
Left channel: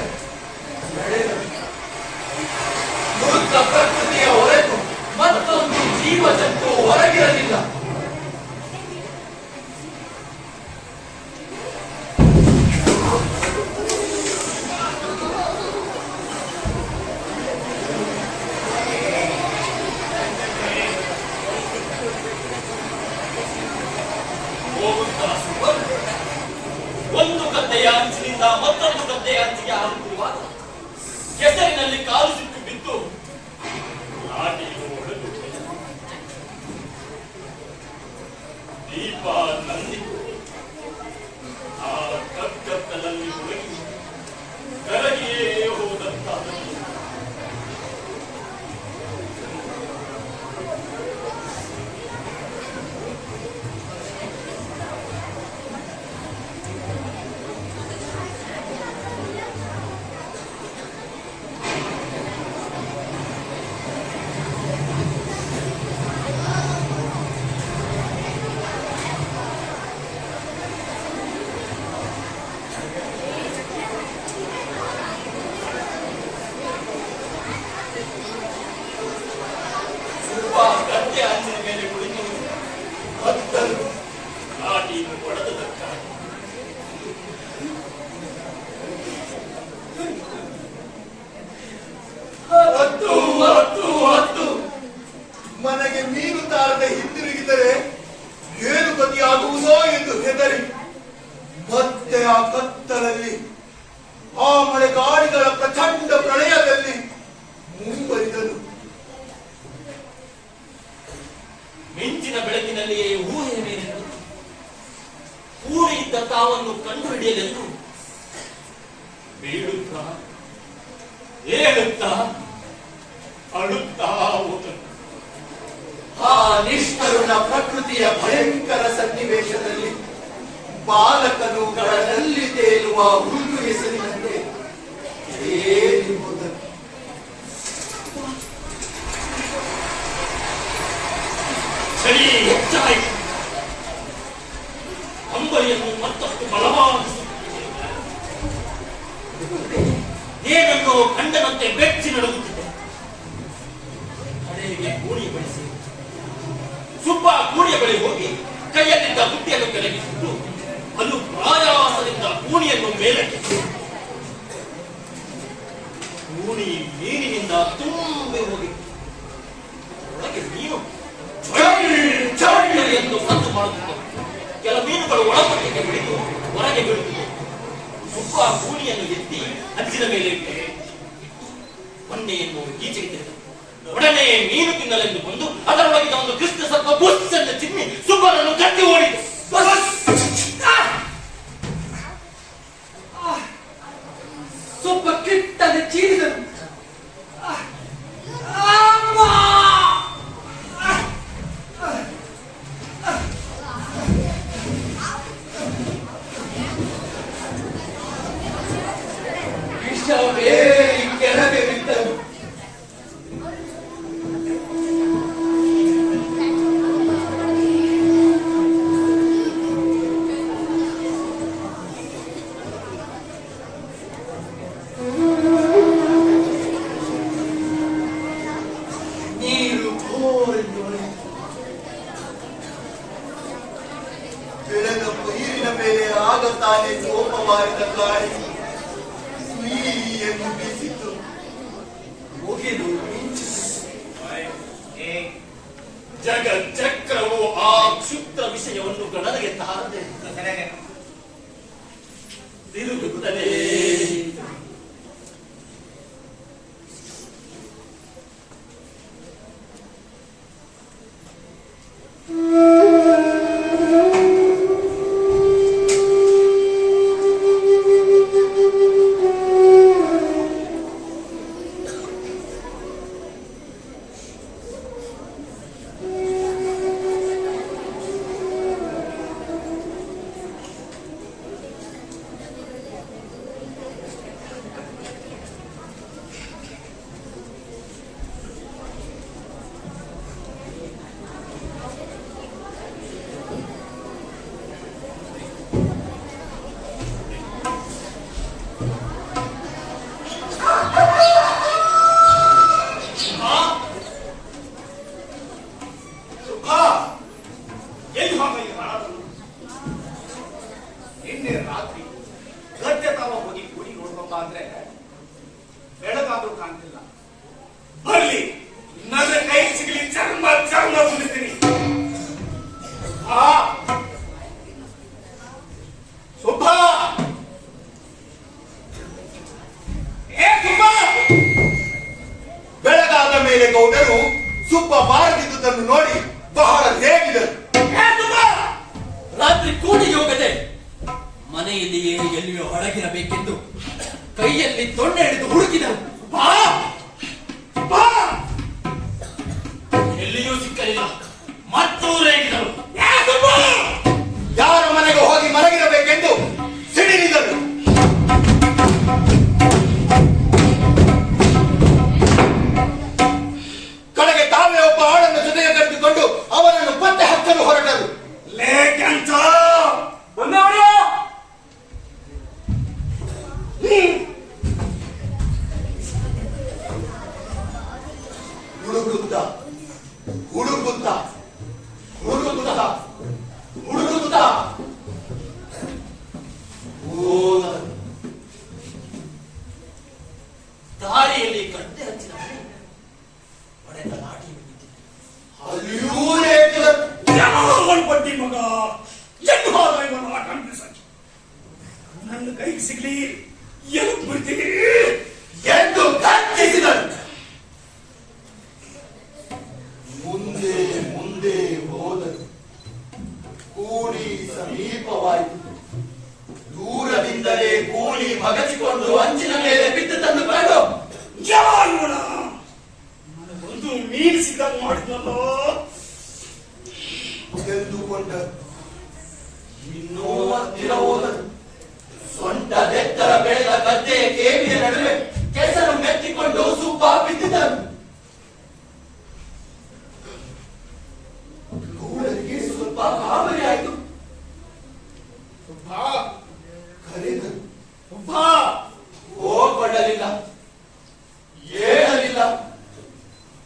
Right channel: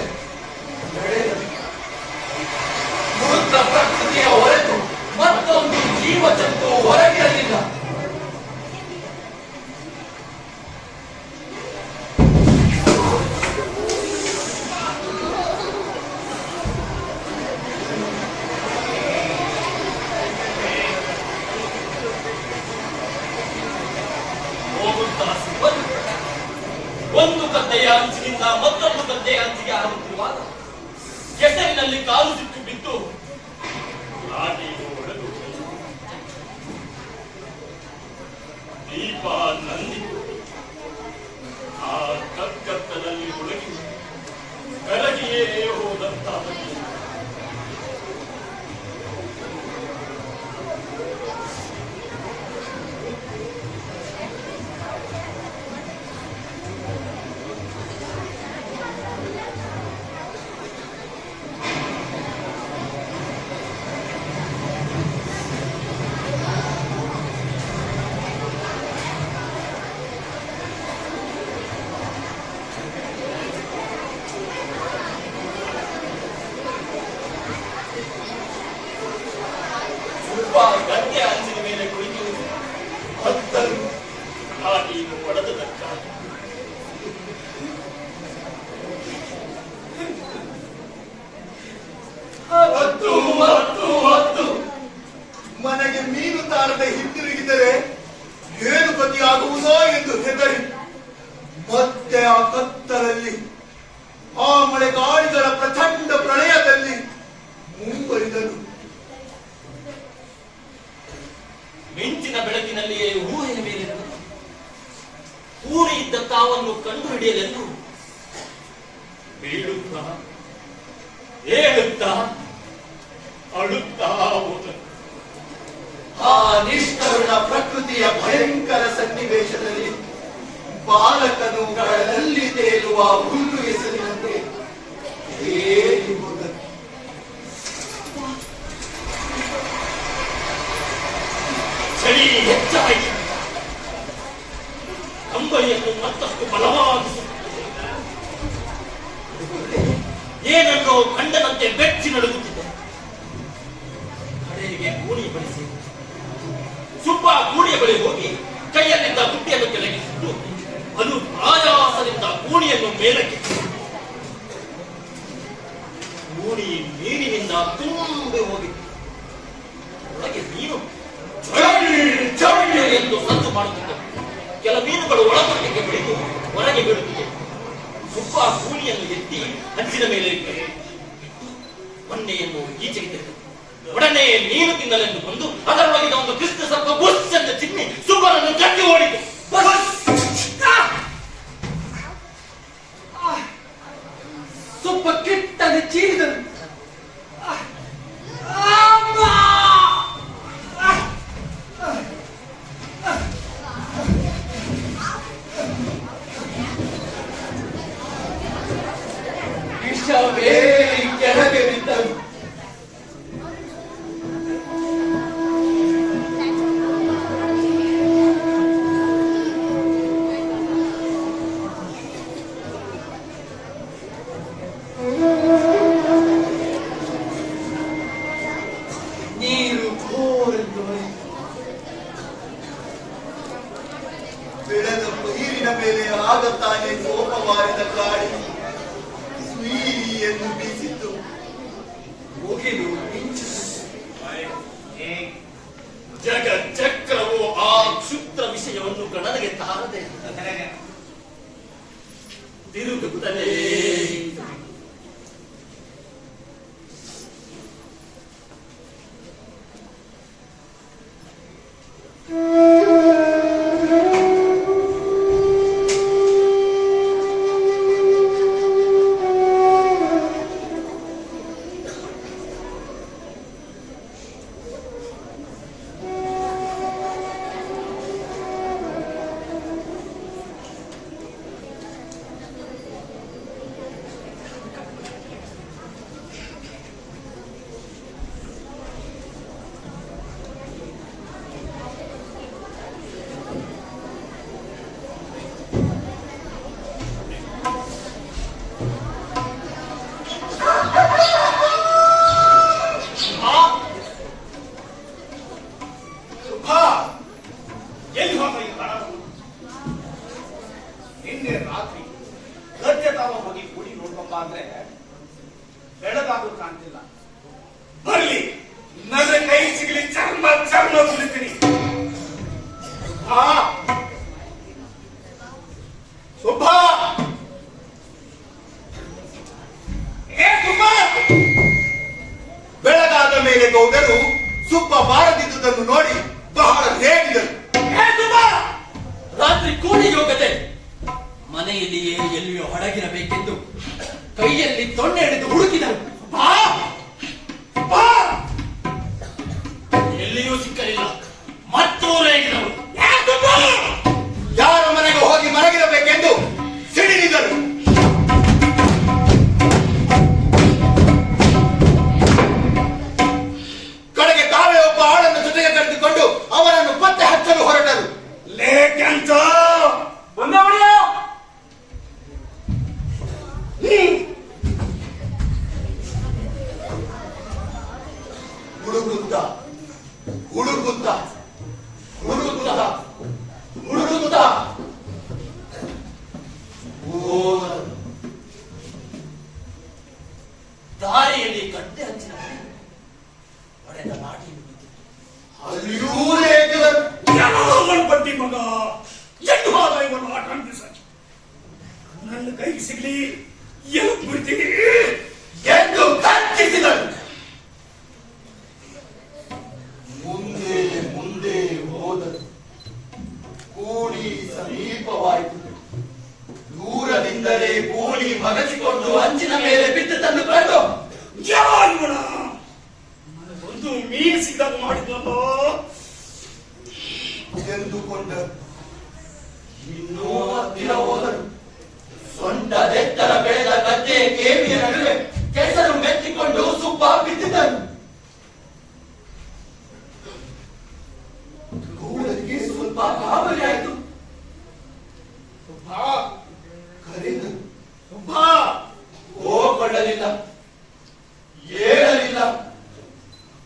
ಮೃತ ಪ್ರಕೃತಿಯ ಹೊರತು ಮತ್ತೊಂದು ಜೀವ ಜಂತು ಹೊರಗಿರಲಿಲ್ಲ. ಒಂದು ಗದ್ದೆಯ ಅಂಚಿನಿಂದ ಮತ್ತೊಂದು ಗದ್ದೆಯ ಅಂಚಿಗೆ ಹಾರುತ್ತಿರುವಾಗ ಕೆಸರಿನಲ್ಲಿ ಕಾಲು ಸಿಕ್ಕು ಬಿದ್ದು ಲಾಠಿಯನ್ನು ಹೊಡೆದು ದೀಪ ನಂದಿತು. ಆ ಕಗ್ಗತ್ತಲಲ್ಲಿ ಹುಡುಗಿ ಕರಗಿಯೇ ಹೋದಂತಾದದ್ದು. ಗದ್ದೆ ಅಂಚಿನ ಮೇಲೆ ಕುಳಿತು ಹತ್ತಲು ಲಾಠಿಯನ್ನು ಹೊಡೆದದಕ್ಕಾಗಿ ಹತ್ತು ಮನೆಗೆ ಮೀನು ತಾರದೆ ಹಿಂದಿರುಗಿದರೆ ಏನು ಗತಿಯಾಗುವುದೋ ಎಂದು ಹೆದರಿ ಮತ್ತೆ ಆ ಕತ್ತಲಲ್ಲಿ ಆ ಮಳೆಗಾಳಿಗಳ ಪ್ರಚಂಡ ಪ್ರಳಯದಲ್ಲಿ ಮುಂಬರಿದನು. ಮಿಂಚಿನ ಬೆಳಕಿನಲ್ಲಿಯೇ ಊಹೆಯ ಮೇಲೆಂದು ಕೂಡಿ ಇದ್ದ ತಾವನ್ನು ಕಂಡು ಹಿಡಿಯಲೆಂದು ಬೀಳುತ್ತಾ ಏಳುತ್ತಾ ಅಳುತ್ತಾ ಭೀಕರ ಪ್ರಕೃತಿಯ ಭಯಂಕರ ಸನ್ನಿವೇಶದಲ್ಲಿ ಬಾಲಕನು ಕಡಲಲ್ಲಿ ತೇಲುವ ಹುಲ್ಲು ಹೆಸರಿನಂತೆ ಏರಿ ಹೋದನು. ಚಳಿ ಹೆಚ್ಚಾಯಿತು. ಅಂಬೈಯನ್ನು ಮತ್ತಷ್ಟು ಬಲವಾಗಿಸುತ್ತದೆ. ಏನನ್ನೋ ಕಂಡನಂತೆ ಬೆಚ್ಚಿ ನಡುಗುತ್ತಿದೆ. ಕಡೆಗೆ ಕೋಣಿ ಬಳಸಿ ಸುಬ್ಬ ಕೂಣಿಯ ಬಳಿ ಹೋಗಿ ಕೈಯಲ್ಲಿದ್ದ ಬುಟ್ಟಿಯನ್ನು ಕೆಳಗಿಸಿದ್ದು ಅದು ರಾಜಾಸದಿಂದ ಕೂಣಿಯನ್ನು ಮೇಲಕ್ಕೆ ಕೂಣಿ ನೀರಿನಿಂದ ತುಂಬಿ ಹೋಗಿತ್ತು. ಒಳಗೆ ಮೀನು ಚಳಿ ಎಂದು ಸದ್ದು ಮಾಡುತ್ತಿದ್ದವು. ಕೆಲ ಮೀನುಗಳು ಒಳಪಟ್ಟಿಗೆ ಬಿಡಿದು ಹೊರಗೆ ಬಿಡುತ್ತಿದ್ದವು. ಸುಬ್ಬ ಕೂಣಿಯನ್ನು ಎತ್ತಿ ಹಂಚಿನ ಮೇಲೆ ಇಟ್ಟು ಬಂಡೆಯನ್ನು ಈಚೆಗೆ ತೆಗೆದು ಒಡನೆ ಮೀನು ತಿನ್ನಲೆಂದು ಬಂದು ಅದರೊಳಗಿನ ಒಂದು ಕೃಷ್ಣ ಸರ್ಪ ಬುಸ್ ಎಂದು ಚಿಮ್ಮಿ ಸುಬ್ಬನನ್ನು ಕಟ್ಟಿ ಓಡಿತು. ಸುಬ್ಬ ಕಿಟ್ಟನೆ ಚೀರಿದನು. ವಿಷವೇರಿ ಕೆಳಗೆ ಬಿದ್ದನು. ನೀರು ಘೋರೆಂದು ಹೊಳೆಯಿತು. ಬೆಳೆದ ಪೈರಿನ ಮೇಲೆ ಆಗತಾನೆ ಕೋಪವಾರಿದ ಗಾಳಿ ಸುಯಿಯನ್ನು ಬೀಸಿತು. ಮುಗಿಲು ಮಿಂಚಿತು. ಜಗಚ್ಚಕ್ರವು ಆ ಕ್ಷುದ್ರ ವಿಷಯವನ್ನು ಗಣನೆಗೆ ತಾರದೆ ತಿರುಗುತ್ತಲೇ ಎಲ್ಲಿ ಹೋಗ ಈ ಹಣ? ನಿನ್ನೆ ರಾತ್ರಿ ಗದ್ದೆ ತಾವ ಹೋಗಿ ಕೂಡಿ ನೋಡ್ಕೊಂಬ ಅಂದ್ರೆ ಬೆಳಗಾದ್ರೂ ಕಾಣ್ತಿಲ್ಲ. ಬರ್ಲಿ ನನ್ನ ಕೈ ಸಿಗಲಿ ಚರ್ಮ ಚರ್ಮ ಸುಲಿತೀನಿ. ಸುಬ್ಬ ಸುಬ್ಬ. ಬೆಳಗಾದ ಮೇಲೆ ಗೌಡರು ಸುಬ್ಬ ಬಾರದಿದ್ದುದನ್ನು ನೋಡಿ ಬಹಳ ರೇಗಿದರು. ರಾತ್ರಿ ಕೂಡಿಗೆ ಹೋಗದೆ ಮನೆಯಲ್ಲಿಯೇ ಎಲ್ಲಿಯೋ ಅಡಗಿರಬೇಕೆಂದು ಕೈಯಲ್ಲಿ ತೊಣ್ಣೆ ಹಿಡಿದು ಹುಡುಕಿದರು. ಎಲ್ಲಿಯೂ ಸಿಕ್ಕಲಿಲ್ಲ. ಮತ್ತೂ ರೇಗಿದರು. ಯಾರ ಮನೆಗೆ ಹೋಗಿ ಮಲಗಿರಬೇಕೆಂದು ಸಿಡಿಲಿದರು. ಕಡೆಗೆ ತಾವೇ ಒಬ್ಬ ಆಳನ್ನು ಜೊತೆಗೆ ಕರೆದುಕೊಂಡು ಅವನನ್ನು ಪತ್ತೆ ಹಚ್ಚಲು ಹೊರಟರು. ಲೇಕೆಂತ ಹುಡುಗುತ್ತ ಹುಡುಗುತ್ತ ಹುಡುಗುತ್ತ ಹುಡುಗುತ್ತ ದಾರಿಯಲ್ಲಿ ಗಡ್ಡೆ ಹಚ್ಚಿನ ಹೊಡೆದ ಲಾಠಿಯನ್ನು ಬಿದ್ದಿತು. ಅಲ್ಲಿಯೂ ರೇಗಿದರು. ಯಾವನ್ ಬಡ್ಡಿ ಮಗ ಎಂದು ಹಾರ ಇವನು ಆಟ ನನ್ನ ಕೈಗೆ ಸಿಗ್ಲಿ ಏನು ಬಿಡ್ತೀನಿ ಎಂದು ಗರ್ಜಿಸಿದರು. ಮುಂದೆ ಮುಂದೆ ಹೋದರು. ಕೂಲಿ ಸಮೀಪವಾಯಿತು. ದೂರದಿಂದಲೇ ಕೂಲಿ ಮಗಚಿಕೊಂಡು ಅಂಚಿನ ಮೇಲೆ ಬಿದ್ದು ತಂದು ಕಂಡು ಯಾವನ ನನಗೊಂದು ಮೀನು ಸಿಗದ ಮಾಡಿದ್ನಲ್ಲೋ ಎತ್ತಿಕೊಂಡರು. ಇನ್ನೂ ಹತ್ತಿರ ಹೋದರು. ಸೊಂಟದೆತ್ತರ ಬೆಳೆದ ಗದ್ದೆಯ ಕೇವಿಯ ನಡುವೆ ಕೆಸರು ಮೆತ್ತಿಕೊಂಡು ಸುಬ್ಬ ಬಿದ್ದಿದ್ದರು. ಗೌಡರಿಗೆ ಸ್ವಲ್ಪ ಗಾಬರಿ ಆಯಿತು. ಕರೆದರು. ಹೋಗಕೊಳ್ಳಲಿಲ್ಲ, ಏಳಲಿಲ್ಲ,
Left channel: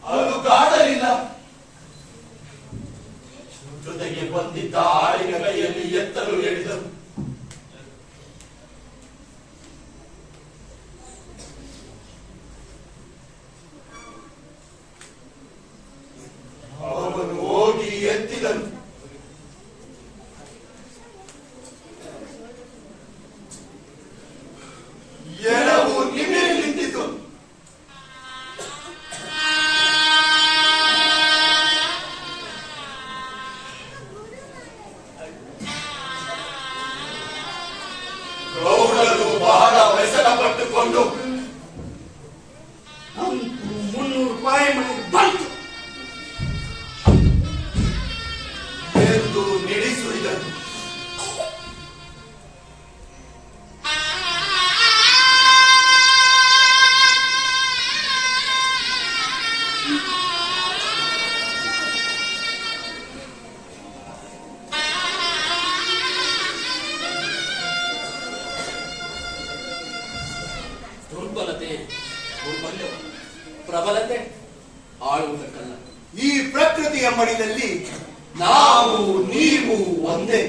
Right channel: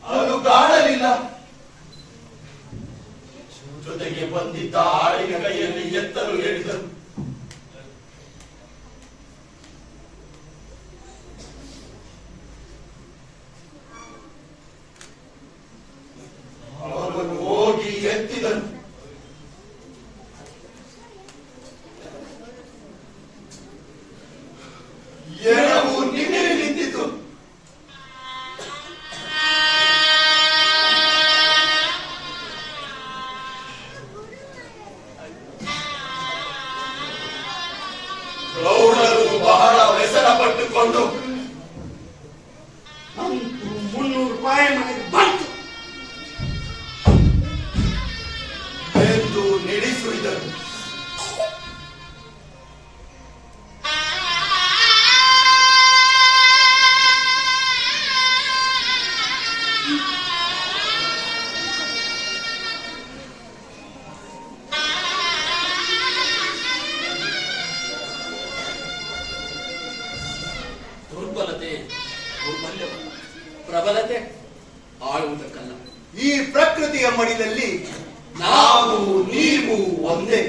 ಅಲುಗಾಡಲಿಲ್ಲ. ಜೊತೆಗೆ ಬಂದಿದ್ದ ಆಳಿನ ಕೈಯಲ್ಲಿ ಎತ್ತಲು ಹೇಳಿದರು. ಅವನು ಹೋಗಿ ಎತ್ತಿದನು. ಎರವು ನಿಮಿರಿ ನಿಂತಿತು. ಗೌಡರು ಬಹಳ ವ್ಯಸನ ಪಟ್ಟುಕೊಂಡು 300 ರೂಪಾಯಿ ಮನೆಗೆ ಬಂತು ಎಂದು ನಿಲ್ಲಿಸುವುದನ್ನು ದುರ್ಬಲತೆ ದೌರ್ಬಲ್ಯವಲ್ಲ, ಪ್ರಬಲತೆ ಆಳುವುದಕ್ಕಲ್ಲ. ಈ ಪ್ರಕೃತಿಯ ಮಡಿಲಲ್ಲಿ ನಾವು ನೀವು ಒಂದೇ.